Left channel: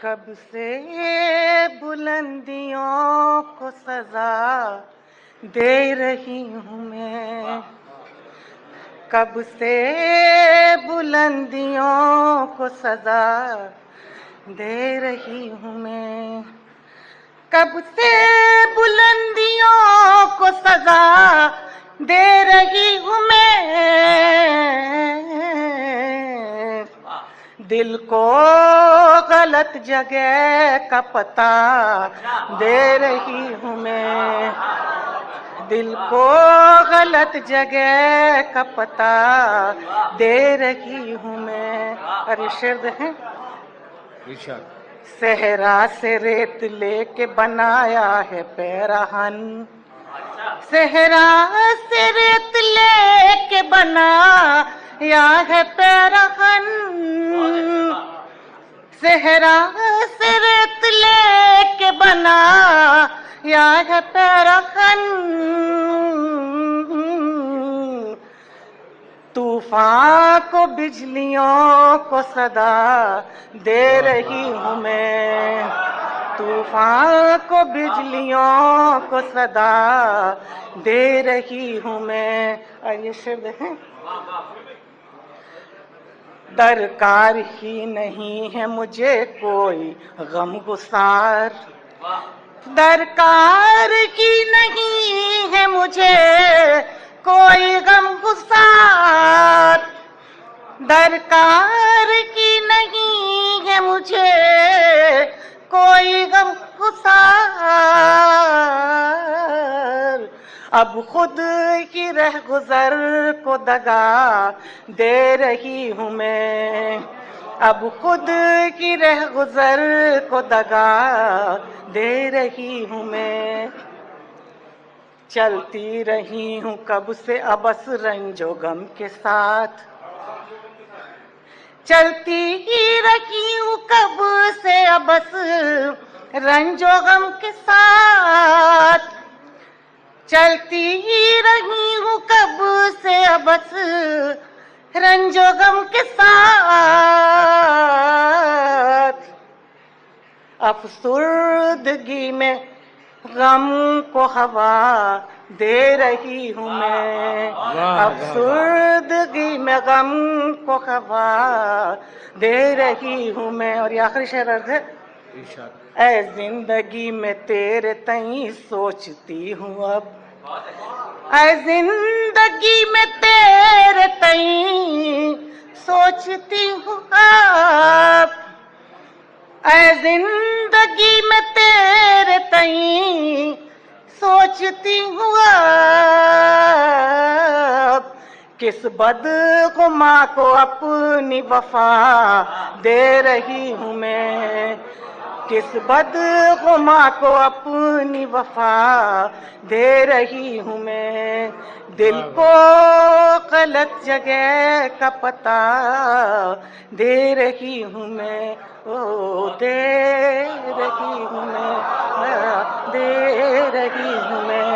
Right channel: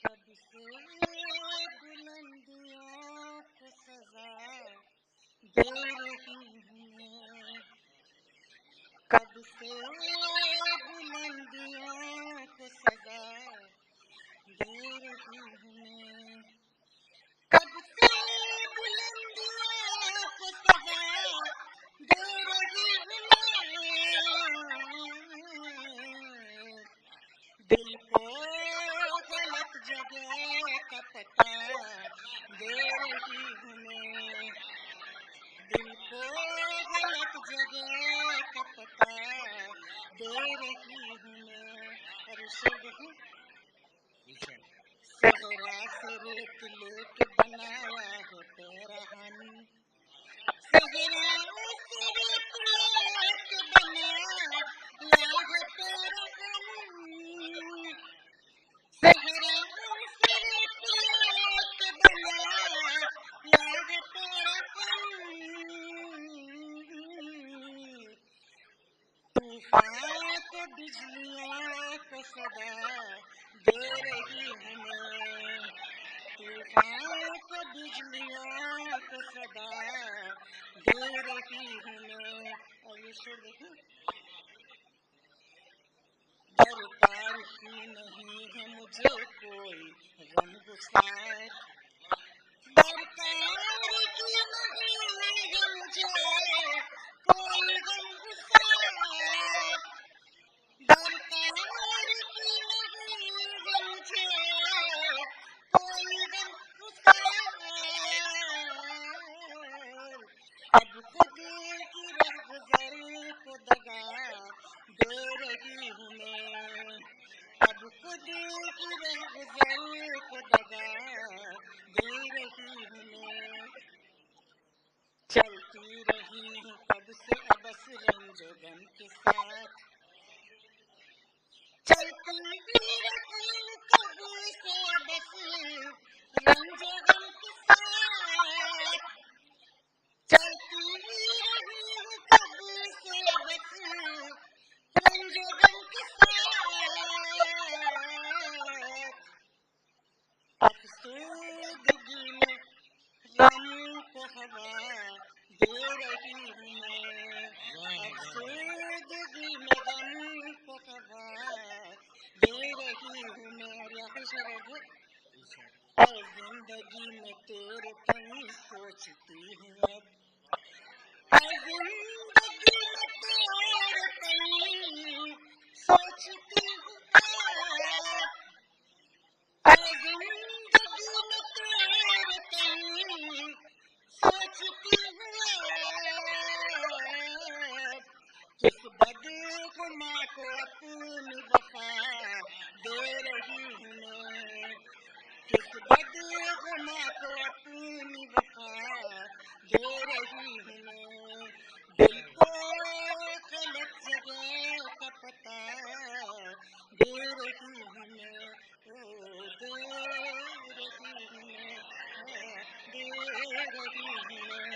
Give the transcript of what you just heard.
کب سے بلندیوں کو سزا دے رہی ہوں میں، کب سے بلندیوں کو سزا دے رہی ہوں میں، کب سے بلندیوں کو سزا دے رہی ہوں میں، دل کو غلط جگہ کا پتہ دے رہی ہوں میں، دل کو غلط جگہ کا پتہ دے رہی ہوں میں۔ اور یہ شعر دیکھیں، صحرا سے ریت لے کے بنایا ہے پیرہن، صحرا سے ریت لے کے بنایا ہے پیرہن، صحرا سے ریت لے کے بنایا ہے پیرہن، طوفان کو بجلیوں کو صدا دے رہی ہوں میں، طوفان کو بجلیوں کو صدا دے رہی ہوں میں۔ اور یہ شعر دیکھیں، درکار ہی نہیں ہے مجھے کوئی غم گسار، درکار ہی نہیں ہے مجھے کوئی غم گسار، درکار ہی نہیں ہے مجھے کوئی غم گسار، اب خود کی رہ گزر کو دگا دے رہی ہوں میں، اب خود کی رہ گزر کو دگا دے رہی ہوں میں، چلتی رہی ہوں کب سے ابس رنج و غم کے ساتھ، چلتی ہی رہی ہوں کب سے ابس رنج و غم کے ساتھ، چلتی ہی رہی ہوں کب سے ابس رنج و غم کے ساتھ، افسردگی میں غم کو ہوا دے رہی ہوں میں، افسردگی میں غم کو ہوا دے رہی ہوں میں۔ اور یہ آخری شعر عرض ہے، اے زندگی میں تیرے تئیں سوچتی ہوں اب، اے زندگی میں تیرے تئیں سوچتی ہوں اب، اے زندگی میں تیرے تئیں سوچتی ہوں اب، کس بدگماں کو اپنی وفا دے رہی ہوں میں، کس بدگماں کو اپنی وفا دے رہی ہوں میں، دل کو غلط جگہ کا پتہ دے رہی ہوں میں، او دے رہی ہوں میں، دے رہی ہوں میں۔